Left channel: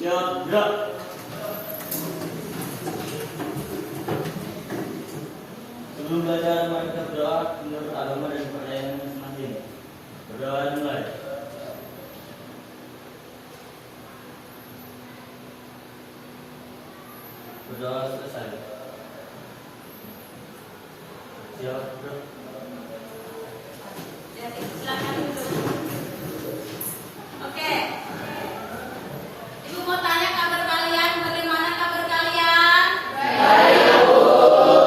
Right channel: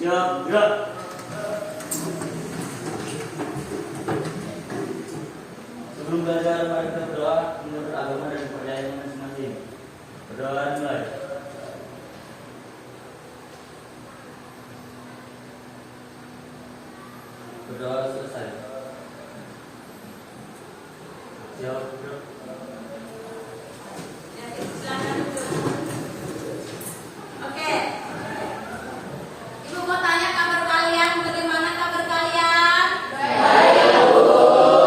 Siap, gerak. Sebelum belajar, mari kita berdoa menurut agama dan kepercayaan masing-masing. Berdoa mulai. Berdoa selesai. Siap, gerak. Silakan duduk. Oke. Ibu mau tanya kabar kalian, bagaimana kabar kalian? Baik, Bu.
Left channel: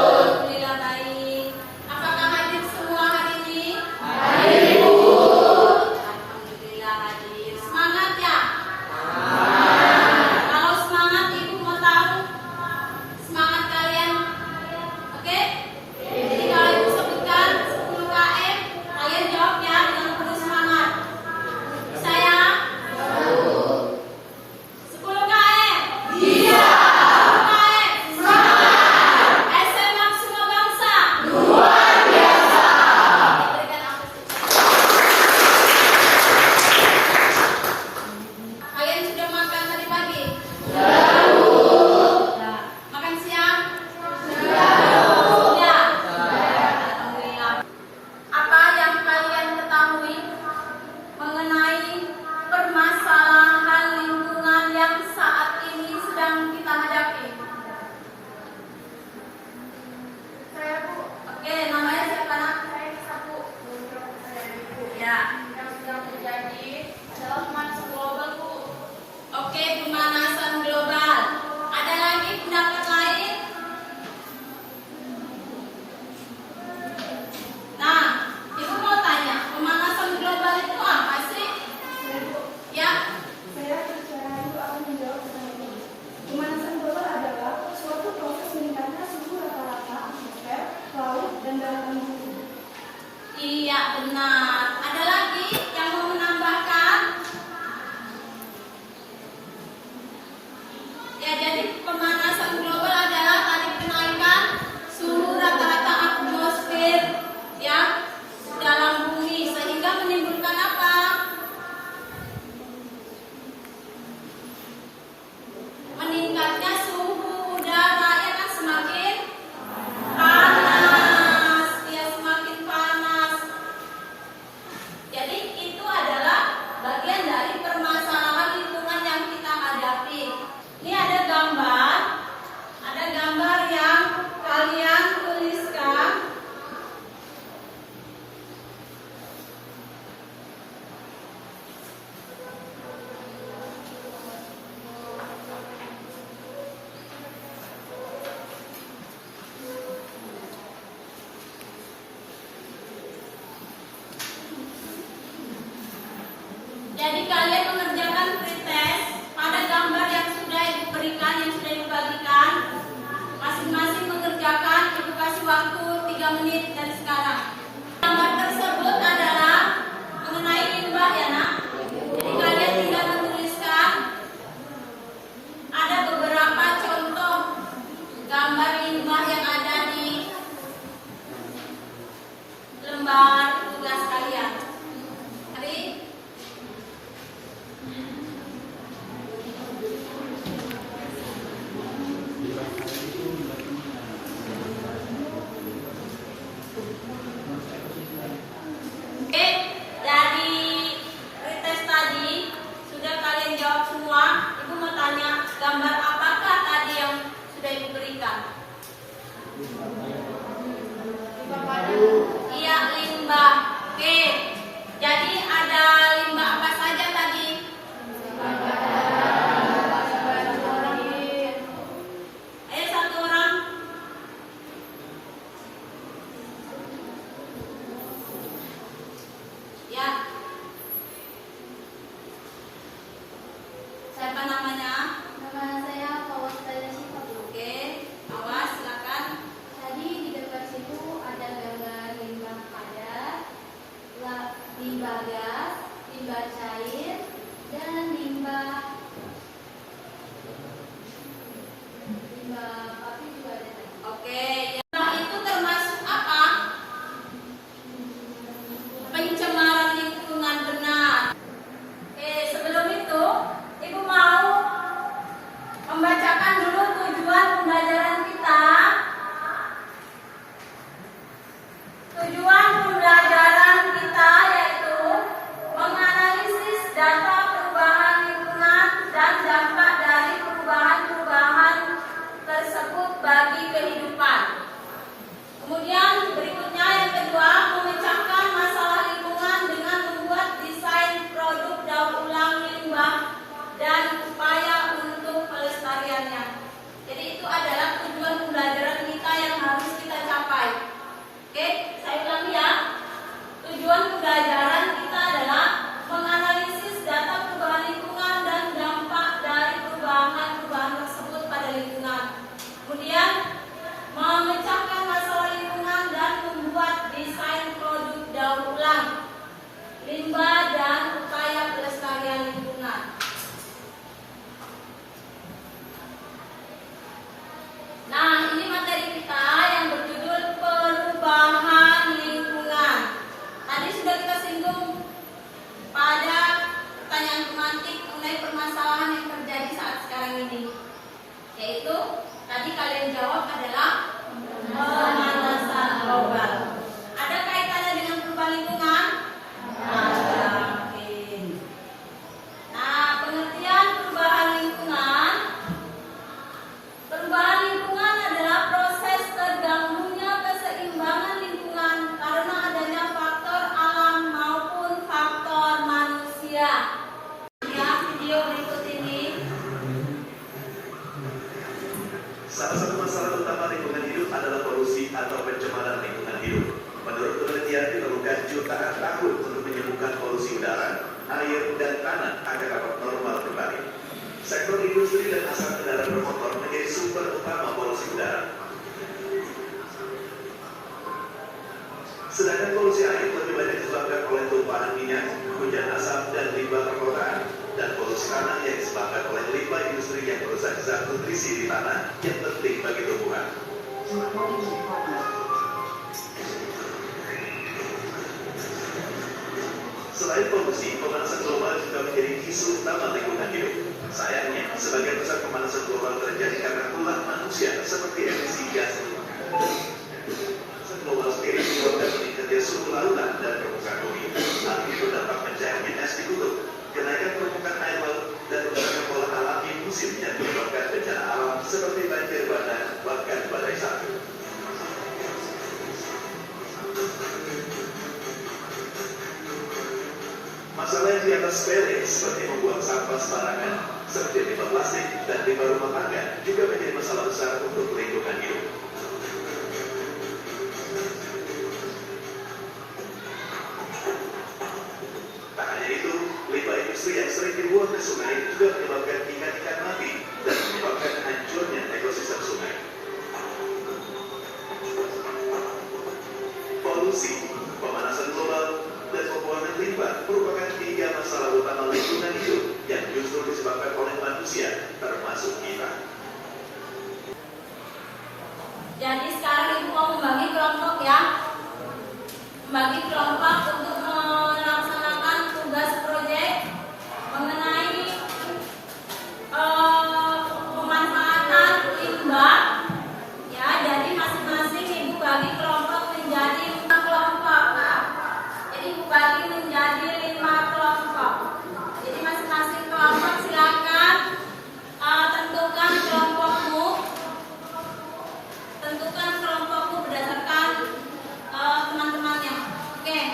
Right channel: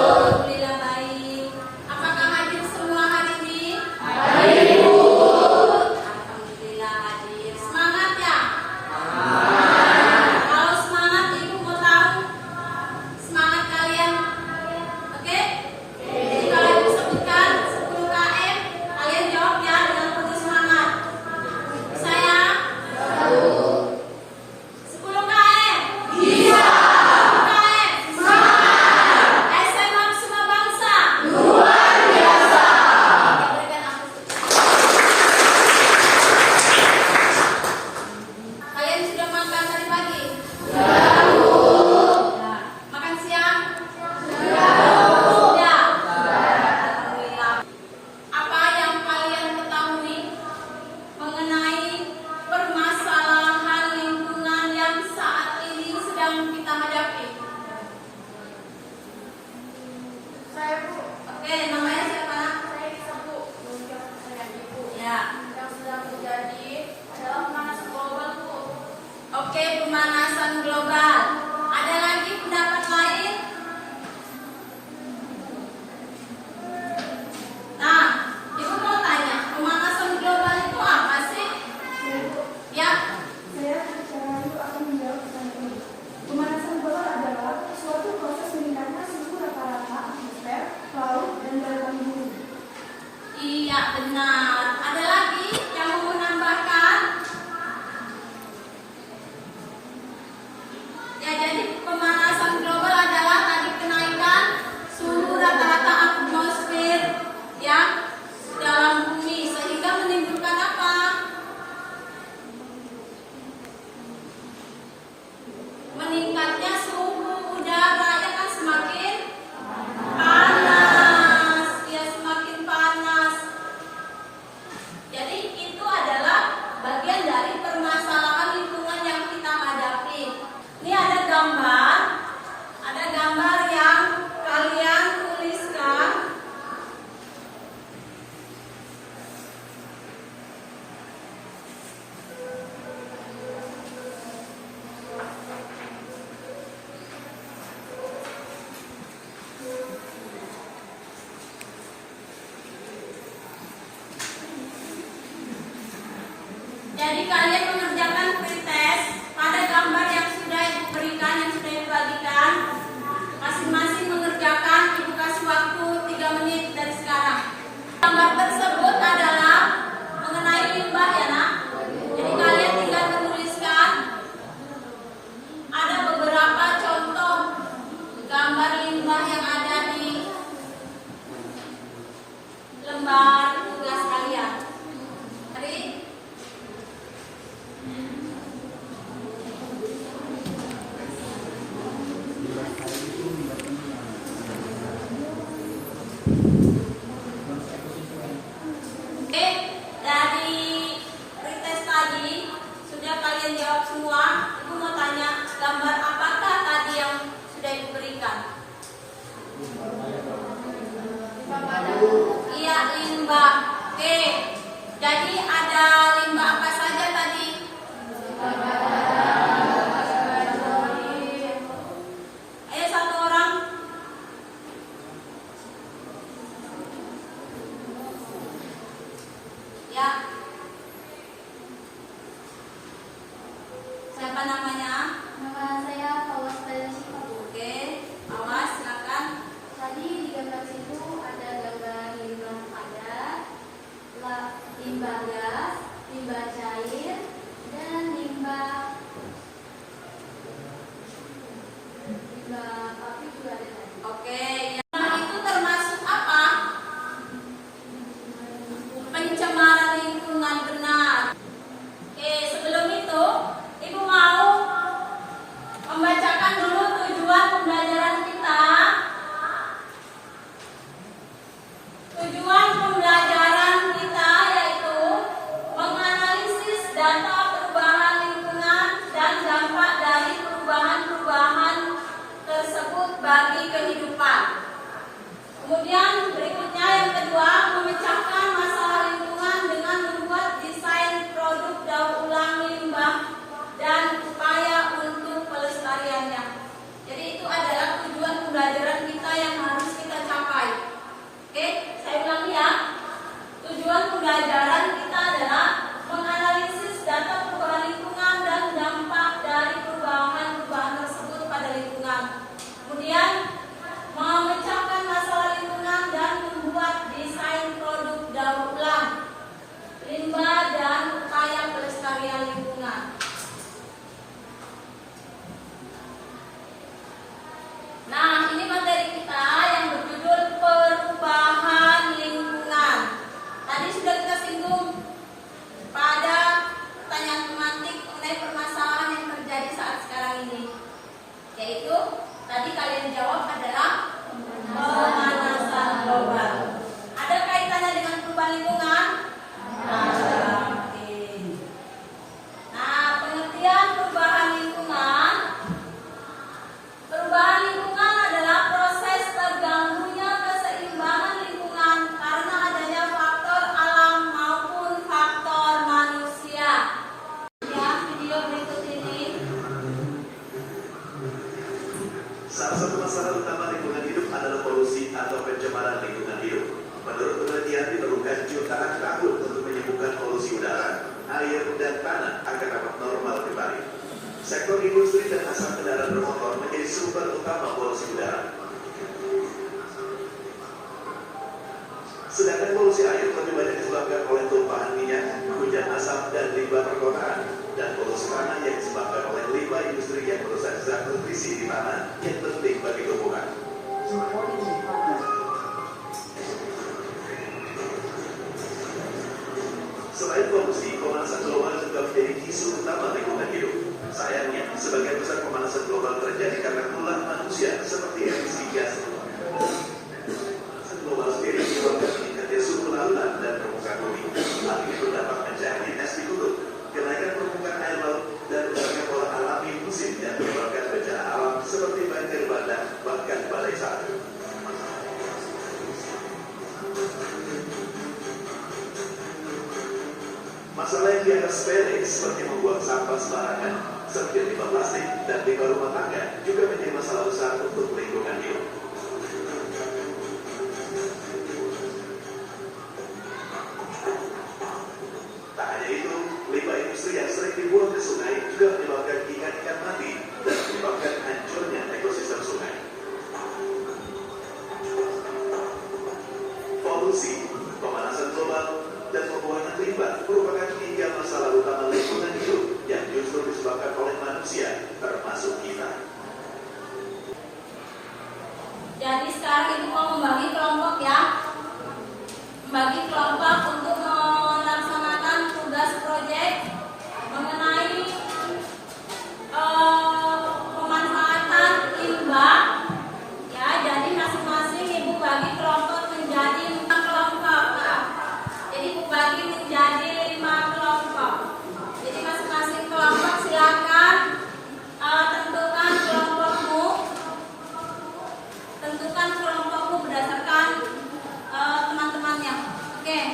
Alhamdulillah baik. Apakah hadir semua hari ini? Hadir, Bu. Alhamdulillah hadir. Semangat ya? Semangat. Kalau semangat, Ibu mau tahu semangat kalian. Oke? Jadi kalau Ibu sebutkan 10 KM, kalian jawab ya dengan penuh semangat. Saya 10 KM. Iya. 10 KM. Semangat. SMA Kusuma Bangsa. Luar biasa. Berikan aku kalian sudah makan tadi pagi? Sudah. Makan siang? Sudah. Alhamdulillah. Apa yang kalian ketahui mengenai permasalahan lingkungan yang saat ini sedang kita hadapi? Saya, Bu. Oke, namanya siapa, Nak? Saya Nisa, Bu. Ya. Yang sedang terjadi adalah pemanasan global, Bu. Oke, pemanasan global. Ada lagi pendapat lain? Nah, Ibu mau tanya, pemanasan global itu apa sih? Ya, Saya secara dulu akan menjawab pertanyaan ini. Pemanasan global adalah suatu proses meningkatnya suhu rata-rata atmosfer, laut, dan daratan bumi. iya benar. Ada lagi yang mau menambahkan? Ya, jadi pemanasan global adalah tadi kenaikan suhu rata-rata atmosfer ya dalam bumi sehingga menimbulkan apa? Meningkatnya suhu udara ya kan, semakin panas, ya semakin panas. Jadi itu adalah bagian dari permasalahan lingkungan yang kita hadapi. Ini ada gambar yang kalian tuliskan. Jadi kalian mengerjakan pretest pada gambar yang sudah Ibu berikan, yang sudah Ibu bagikan. Masing-masing mengerjakan, Ibu kasih waktu 3 menit dari sekarang. Gambar tersebut adalah mengenai limbah ya, Nak. Jadi kalian tinggal menuliskan. Ada beberapa contoh gambar limbah yang ada di lembar tugas kalian. Mari. Oke, dari pretest tadi sudah kalian jawab semua. Ibu mau tanya, gambar apakah tadi yang sudah Ibu berikan? Iya, limbah. Oke, jadi ada limbah apa saja tadi? Ayo satu orang. Ya. Siapa namanya? Nama saya Fawaz Syifa, Bu. Oke, awas silakan. Tadi di gambar situ ada gambar limbah padat, limbah gas, limbah cair, dan limbah papi juga ada. Oke, limbah itu termasuk apa? Pencemaran lingkungan, benar. Sebelum itu Ibu mau Tujuan pembelajaran kita yaitu menganalisis data perubahan lingkungan dan dampak dari perubahan-perubahan tersebut bagi kehidupan. Kemudian berikutnya yang kedua, memecahkan masalah lingkungan dengan membuat desain produk daur ulang limbah dan upaya untuk pelestariannya. Jadi itu adalah tujuan pembelajaran kita yang harus kita capai. Oke, saya ulangi ya. Tujuan pembelajaran kita adalah menganalisis data perubahan lingkungan dan dampak dari perubahan-perubahan tersebut pada lingkungan. Kemudian memecahkan masalah lingkungan dan membuat desain produk daur ulang limbah dan upaya pelestarian lingkungan. Nah, ini materi kita yang berjudul perubahan lingkungan. Tadi sudah kita singgung pada pertanyaan tematik mengenai permasalahan yang terjadi saat sekarang ini. Yaitu tadi kalian jawab adalah pemanasan global. Ada kaitannya dengan perubahan lingkungan? Ada. Oke. Nah, pengertian perubahan lingkungan. Perubahan lingkungan adalah proses terganggunya keseimbangan lingkungan karena adanya faktor alam maupun faktor manusia. Ya, video berikut ini. Salah satu masalah utama lingkungan hidup adalah polusi atau pencemaran lingkungan hidup. Menurut penelitian diperlukan jutaan tahun untuk menyembuhkan polusi udara, air, dan tanah agar dapat normal kembali. Sektor industri dan asap kendaraan bermotor menjadi sumber utama polusi udara. Sedangkan polusi air lebih banyak disebabkan oleh tumpahan minyak, hujan asap, dan limbah perkotaan. Dan polusi tanah yang disebabkan oleh limbah industri yang merusak zat nutrisi di tanah yang penting bagi tumbuhan. Selain polusi, pemanasan global juga menjadi isu utama lingkungan hidup. Sayangnya, sebagian besar pemanasan global terjadi karena ulah manusia seperti emisi gas. Pemanasan global sendiri menyebabkan meningkatnya suhu lautan dan permukaan bumi. Hal ini berdampak mencairnya es di kutub, kenaikan permukaan air laut, dan rusaknya pola alami musim yang menyebabkan bencana alam seperti banjir bandang bahkan badai salju. Masalah yang dianggap sepele seperti membuang sampah sembarangan, seperti limbah plastik dan limbah rumah tangga juga menjadi masalah besar untuk lingkungan hidup. Tak hanya itu, limbah industri yang sering dibuang ke sungai juga menyebabkan ikan-ikan mati dan menyebabkan hancurnya ekosistem sungai. Polusi, pemanasan global, dan pembuangan limbah merupakan 3 masalah utama lingkungan hidup yang justru disebabkan oleh manusia, termasuk kita. Jadi sekarang Ibu mau membagi kelompok ya. Membagi kelompok untuk melaksanakan tugas proyek mengenai pemanfaatan limbah. Ya, jadi masing-masing Ibu bagi kelompok menjadi 5 kelompok. Jadi Ibu bagi menjadi 5 kelompok. Jadi masing-masing kelompok silakan tentukan kelompokmu. Tentukan kelompokmu berdasarkan teman-temannya. Oke.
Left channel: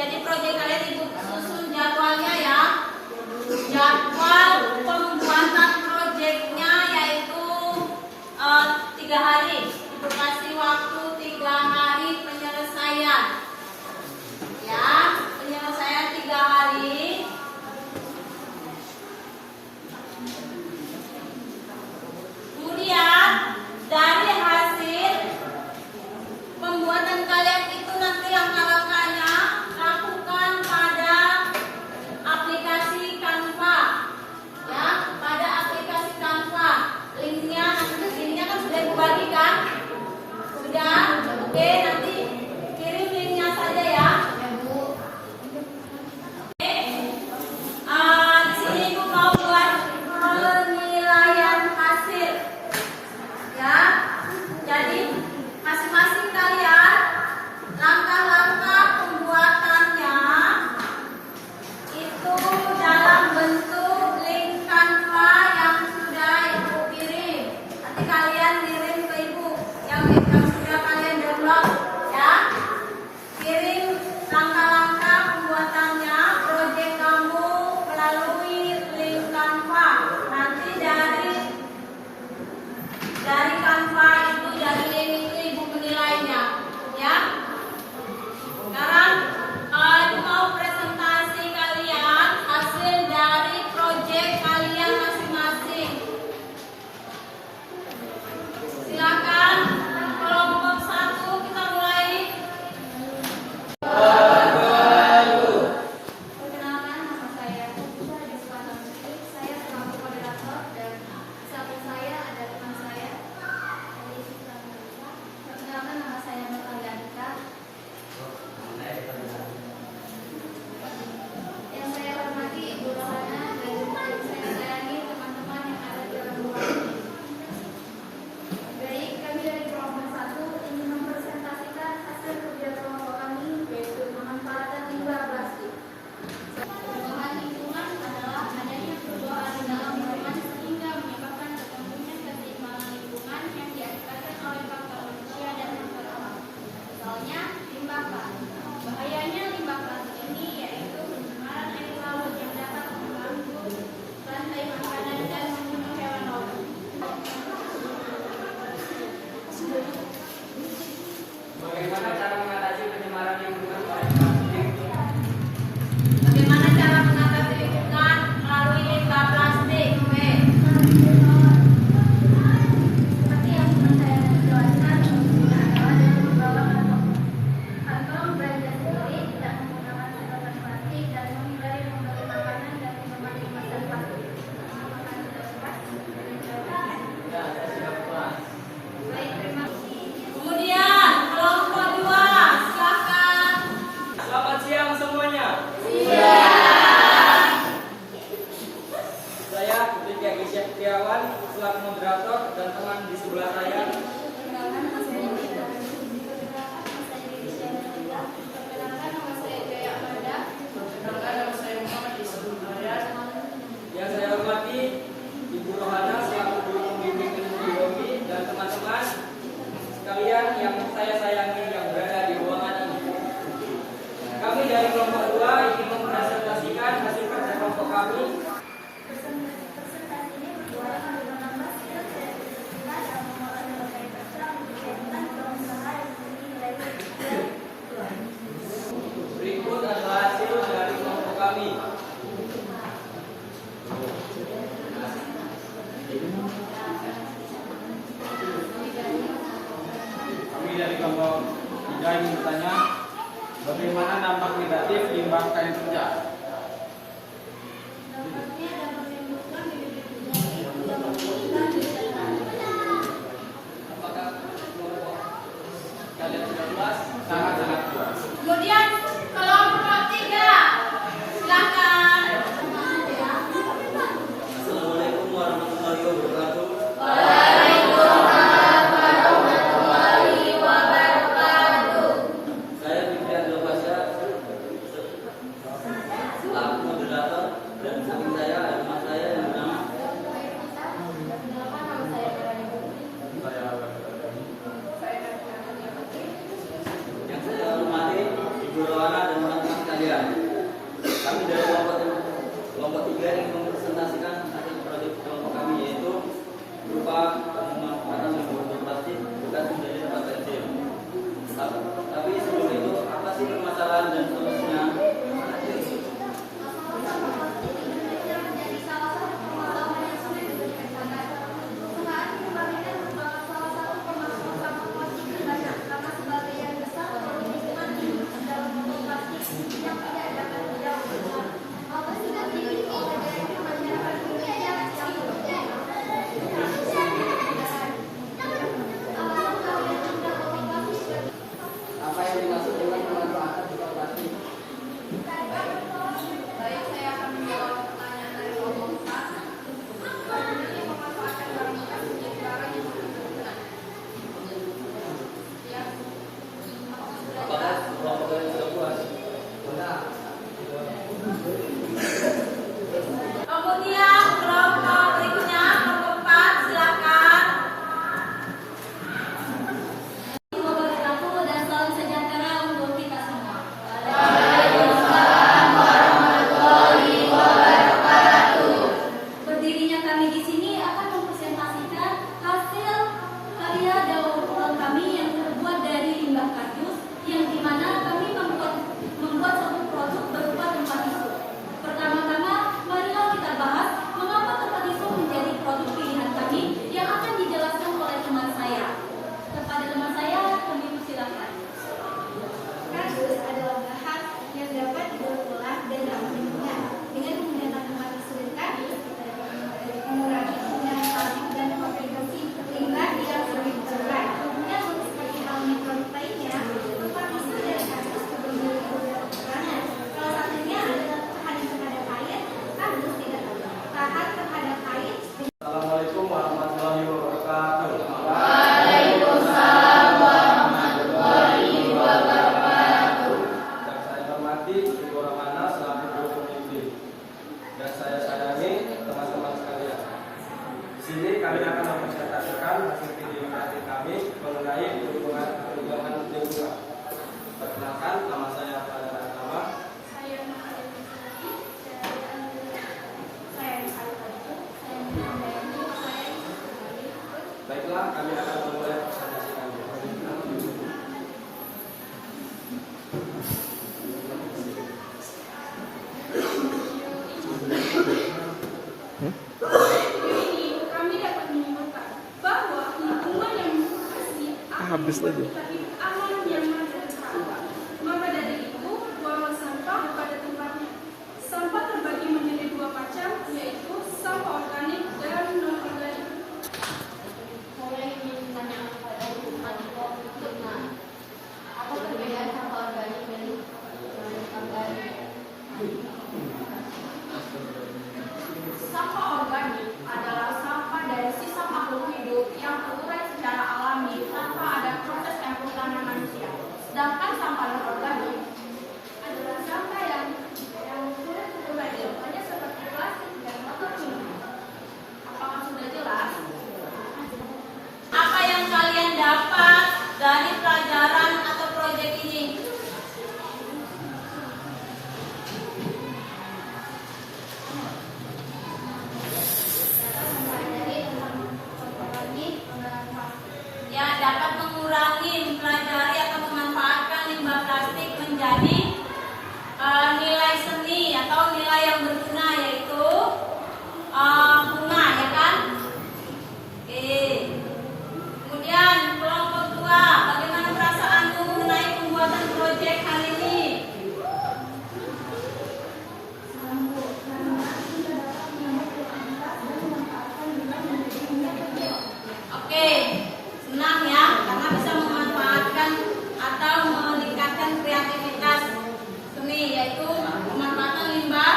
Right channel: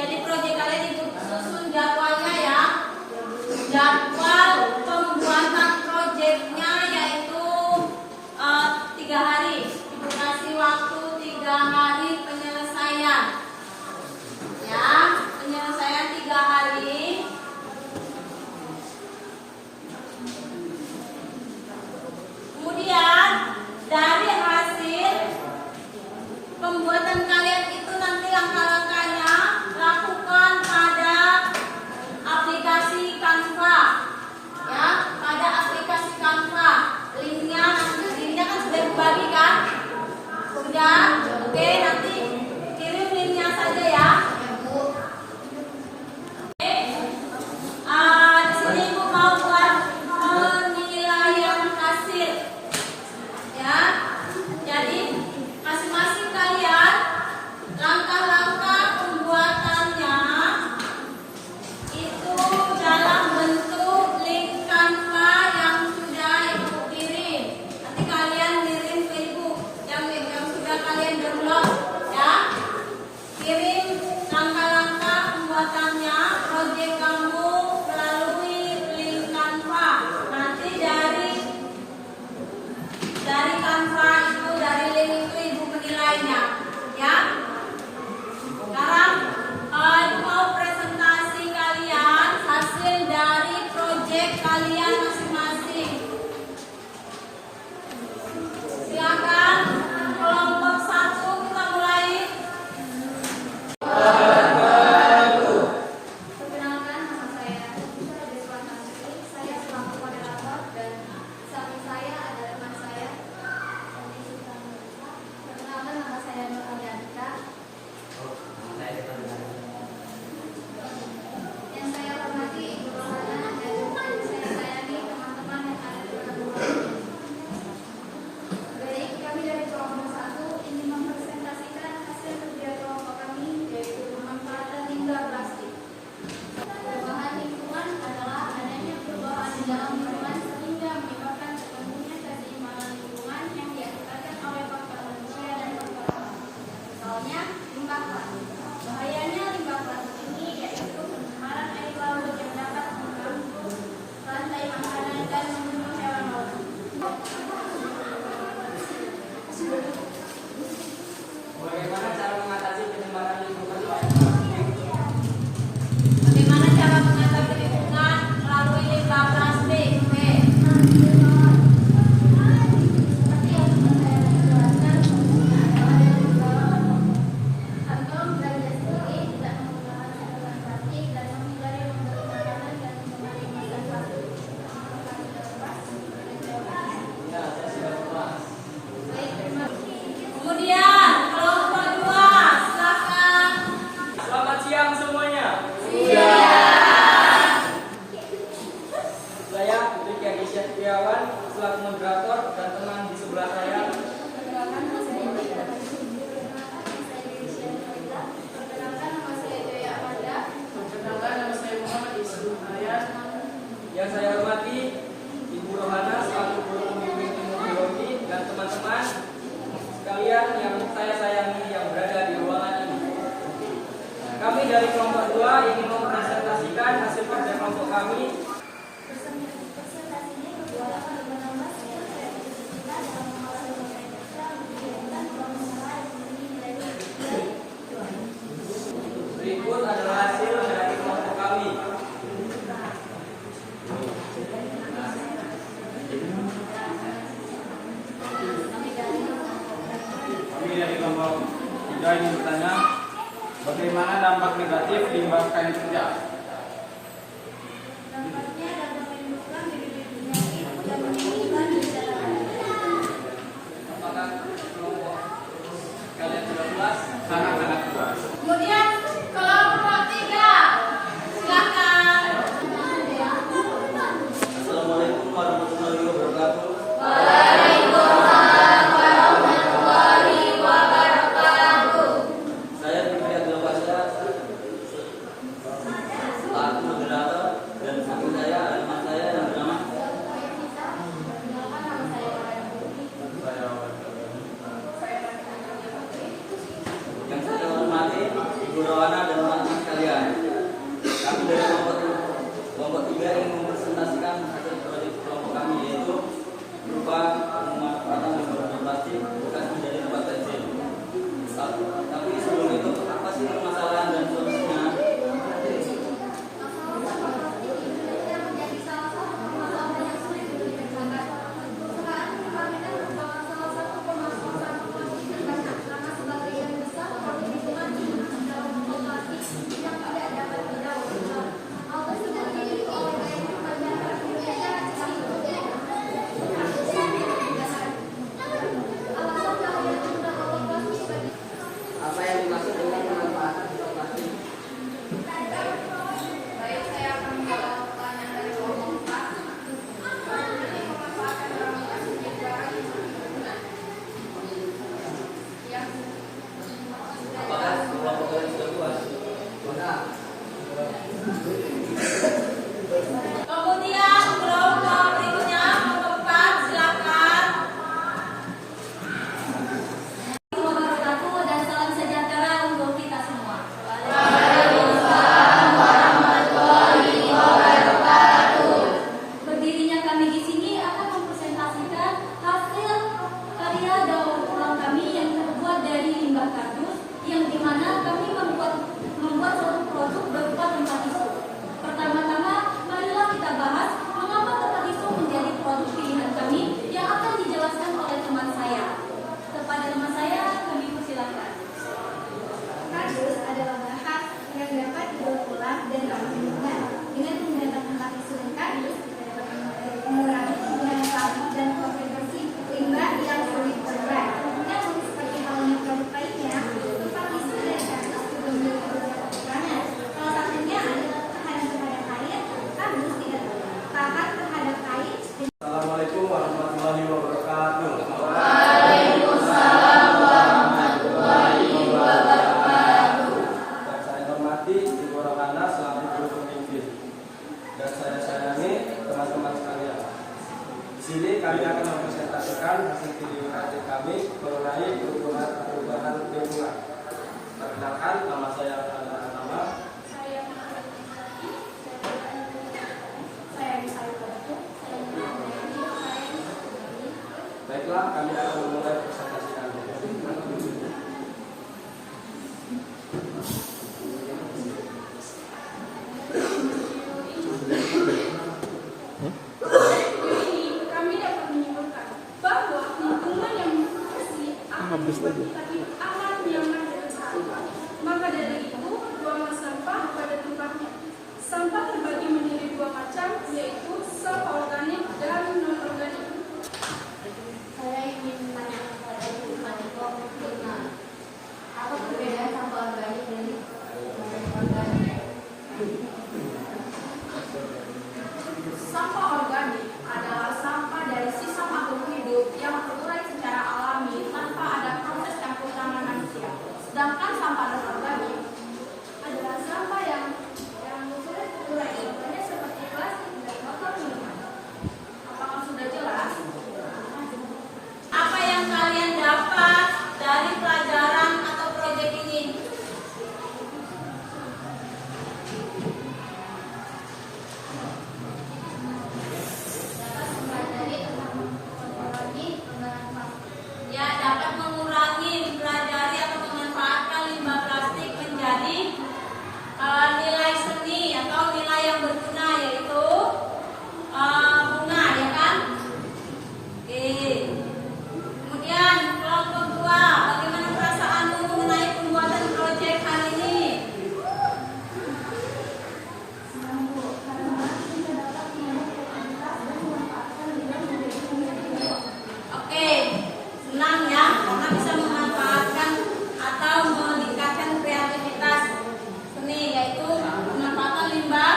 Jadi proyek kalian ibu susun jadwalnya ya. Jadwal pembuatan proyeknya yaitu 3 hari. Ibu kasih waktu 3 hari penyelesaian. Ya, penyelesaian 3 hari. Kemudian dari hasil pembuatan kalian itu nanti langkah-langkahnya lakukan pada aplikasi Canva. Ya, pada aplikasi Canva. Linknya kan sudah dibagikan. Sudah, oke, nanti kirim linknya saja ya. Di sini ibu mau buat penilaian hasil. Ya, jadi masing-masing kalian langkah-langkah pembuatannya itu dalam bentuk link Canva yang sudah ibu kirim. Nanti kalian kirim ke ibu yang sudah kalian download ya. Kirim langkah-langkah pembuatannya proyek kamu melalui link Canva. Nanti dari Canva itu, dari link itu ibu menilainya ya. Sekarang ibu mau presentasi kalian hasil dari proyek kalian masing-masing. Silakan kelompok 1 kita mulai. Perkenalkan, nama saya Putri Deswana Putri. Saya selaku moderator dan di samping saya ada teman saya. Perkenalkan, nama saya Nur Alianita. Yang saya hormati Ibu Rohana dan saya sayangi teman-teman yang ada di dalam ruangan ini. Baik, kami dari kelompok 1 ingin mempresentasikan hasil kerja kelompok kami, yaitu pemanfaatan limbah plastik. Perubahan lingkungan adalah adanya perubahan di dalam lingkungan sehingga menyebabkan terganggunya keseimbangan lingkungan yang diakibatkan oleh faktor manusia dan faktor alam. Misalnya limbah plastik. Bahayanya limbah plastik ini yaitu pencemaran air laut yang dapat mengganggu rantai makanan dan membunuh hewan laut. Bagaimana cara mengatasi pencemaran lingkungan? Bagaimana cara mengatasi lingkungan melalui limbah plastik? Oke. Seperti yang teman saya jelaskan, adalah dari membawa kantong belanja sendiri, tidak menggunakan sedotan plastik, dan menghindari membeli makanan dan minuman kemasan plastik. Apakah sudah puas? Ya, saya sudah puas. Baik, terima kasih. Kemudian kelompok 2, silakan. Selamat siang semuanya. Saya Riki Agisya Setiawan selaku moderator dan teman di sebelah saya. Perkenalkan, nama saya Jaya. Perkenalkan, nama saya Jaya Amanda. Perkenalkan, nama saya Muhammad Ismail Aryan. Yang saya hormati Ibu Rohana selaku guru pembimbing ilmu biologi dan teman-teman sekalian yang saya sayangi yang berada di ruangan ini. Kami dari kelompok 2 ingin mempresentasikan hasil kerja kelompok kami. Presentasi ini bertujuan untuk menambah skill kreativitas kita dalam mengolah berbagai kerja untuk kegiatan berusaha yang memiliki nilai tinggi. Berikut adalah hasil dari kelompok kami. Kami dari kelompok 3 ingin bertanya, bagaimana dampak negatif limbah kain kerja? Dampaknya dapat menimbulkan bibit penyakit yang memungkinkan di dalam. Apakah kelompok kalian sudah puas? Sangat-sangat puas. Kemudian kelompok 3, silakan. Assalamualaikum warahmatullahi wabarakatuh. Saya Fitri Abdul Fasya, selaku moderator, dan samping saya ada teman saya yang bernama. Perkenalkan, nama saya Farhan. Yang saya hormati Ibu Rohana dan teman sekalian, kami dari kelompok 3 ingin mempresentasikan hasil proyek kelompok kami, yaitu berupa pemanfaatan limbah plastik bukan menjadi tempat kecil. Tapi sebelum itu, apa sih permasalahan dan solusinya? Apa yang dimaksud dengan pemanfaatan limbah plastik? Baik, saya akan menjawab pertanyaan dari kelompok 4. Jadi pemanfaatan barang bekas menjadi barang yang sangat berguna. Ya. Apakah kelompok kalian sudah puas? Kemudian kelompok berikutnya, kelompok 4, silakan. Wabarakatuh dan salam sejahtera untuk kita semua. Berdirinya kami di sini akan mempresentasikan hasil karya daur ulang kami yang terbuat dari limbah kardus, yang dimana kami membuat suatu produk berupa tempat tisu. Pertama-tama, marilah kita bahas mengapa tempat tisu menjadi produk pilihan kami yang akan dijelaskan oleh teman saya. Kepada teman saya, kami persilahkan. Kardus adalah bahan yang dapat didaur ulang dan ramah lingkungan. Dengan menggunakan tempat tisu dan kardus, kita dapat mengurangi penggunaan plastik dan konversi limbah yang sulit terurai. Namun, seperti halnya produk lainnya, tempat tisu dan kardus juga memiliki beberapa kekurangan. Salah satunya adalah tahan terhadap air. Kardus tidak tahan terhadap air. Assalamualaikum warahmatullahi wabarakatuh. Yang saya hormati Ibu Rohana selaku guru pemimpin, dan saya sayangi teman-teman sekalian. Di sini kami akan mempresentasikan hasil video kreatif kami mengenai perubahan lingkungan. Perkenalkan, nama saya Rohana Pratama. Saya Muhammad Rizky, saya Rizal Fadku, saya menandai, saya Rizky. Baiklah, kami akan memulai presentasi kami. Ini kami dapat menyimpulkan bahwa lingkungan yang bersih akan membuat kita hidup aman, nyaman, dan sehat. Maka dari itu, buanglah sampah pada tempatnya. Sampah terbagi menjadi 2 macam, yaitu sampah organik dan non-organik. Saya ingin menanyakan pada kelompok 5. Apa perbedaan sampah organik dan non-organik? Sampah organik adalah sampah dari sisa makhluk hidup yang terurai secara alami tanpa ada proses campur tangan manusia. Sedangkan sampah non-organik Adalah sampah yang sulit terurai, contohnya seperti plastik dan botol minuman. apakah sudah jelas? Apa yang kalian dapat dari pelajaran atau proyek ini? Ya, dapat mengurangi, mempelajari atau memanfaatkan limbah plastik menjadi nilai seni atau nilai yang berguna, yaitu bunga, ya kan? Oke. Kemudian kelompok 2, bagaimana perasaanmu mengenai pembuatan proyek kali ini? Senang, Bu, karena kita dapat menyambut kreativitas dan memanfaatkan limbah menjadi nilai. Oke, senang ya, karena bisa memanfaatkan atau meningkatkan kreativitas seni, yaitu pemanfaatan limbah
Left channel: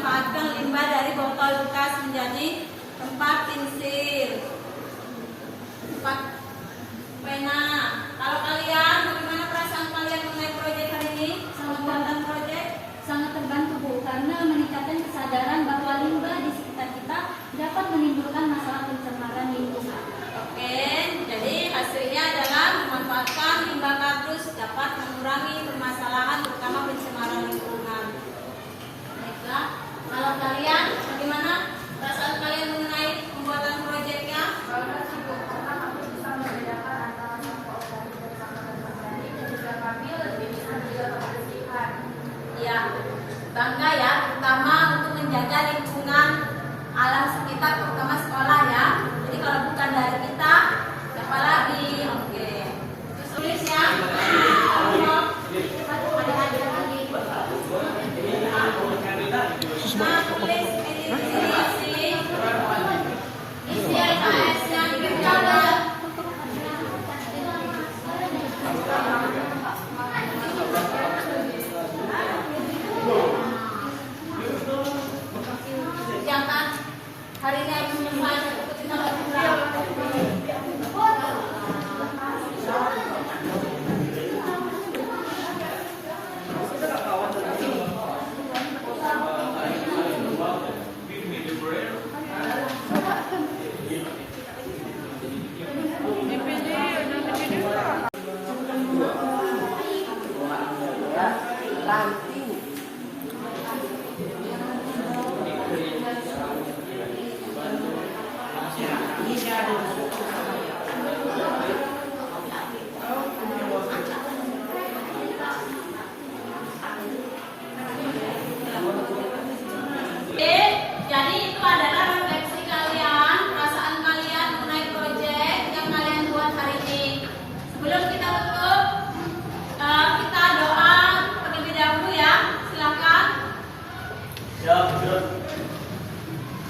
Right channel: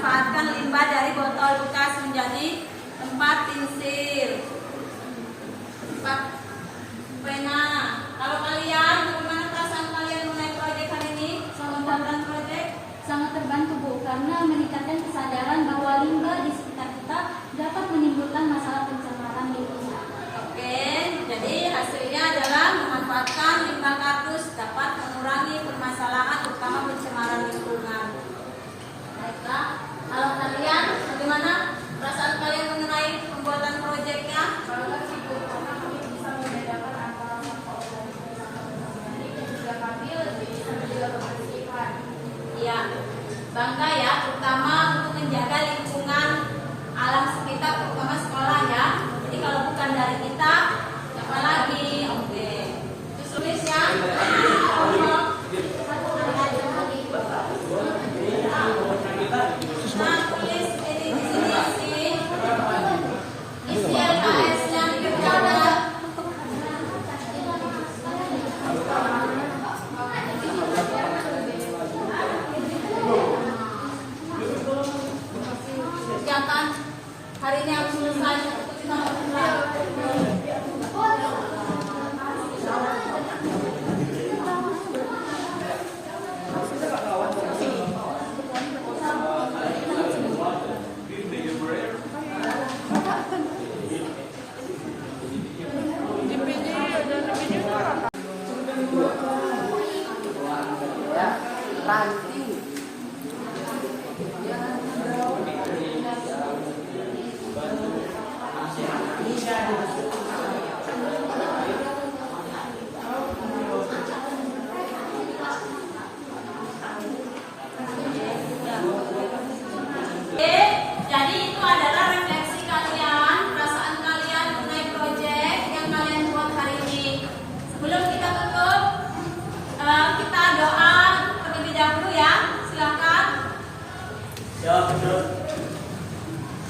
memanfaatkan limbah dari botol bekas menjadi tempat pensil, tempat pena. Kalau kalian, bagaimana perasaan kalian mengenai proyek hari ini? Pembuatan proyek? Sangat terbantu Bu, karena meningkatkan kesadaran bahwa limbah di sekitar kita dapat menimbulkan masalah pencemaran lingkungan. Oke, jadi hasilnya adalah memanfaatkan limbah kardus dapat mengurangi permasalahan terutama pencemaran lingkungan. Baiklah, kalau kalian bagaimana perasaan kalian mengenai pembuatan proyeknya? Kalau sibuk karena kami bisa membedakan antara sampah organik dan sampah non-organik dan juga kami lebih bisa menjaga kebersihan. Ya, bangga ya, terutama untuk menjaga lingkungan alam sekitar, terutama sekolah ya. Jadi kalau bukan dari kita, siapa lagi? Oke, terus tulis ya. Nah, tulis definisi isi LKS-nya diberikan ya. Kerjakan hari ini harus selesai untuk kita lakukan. Ranting. Jadi itu adalah refleksi kalian, perasaan kalian mengenai proyek yang kalian buat hari ini. Sebelum kita tutup, kita doa terlebih dahulu ya. Silakan. Ya, betul.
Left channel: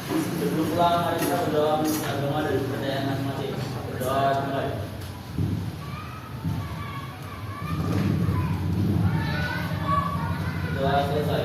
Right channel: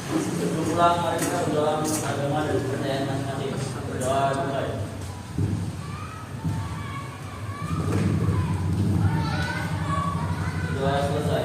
Sebelum pulang, mari kita berdoa agama dan kepercayaan masing-masing. Berdoa mulai. Doa selesai.